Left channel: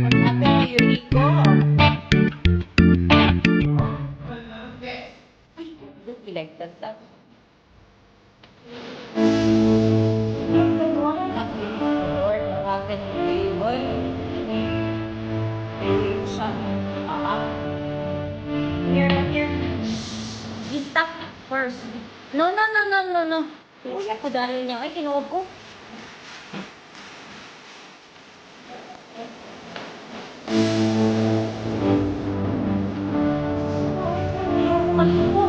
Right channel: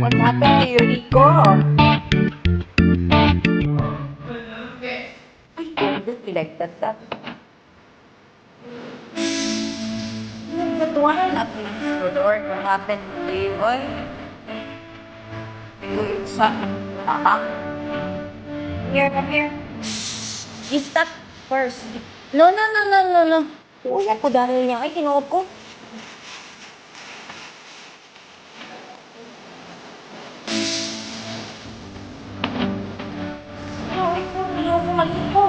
What happened to you, Rico? Ay, don't be like that. But one at least, Lord, what happened to you, boy? You shot. Here, come here. You stop first. No, no, no, no, no, no. Uy, ako dahil niya. Ay, kinuha ko. Ayoko malito.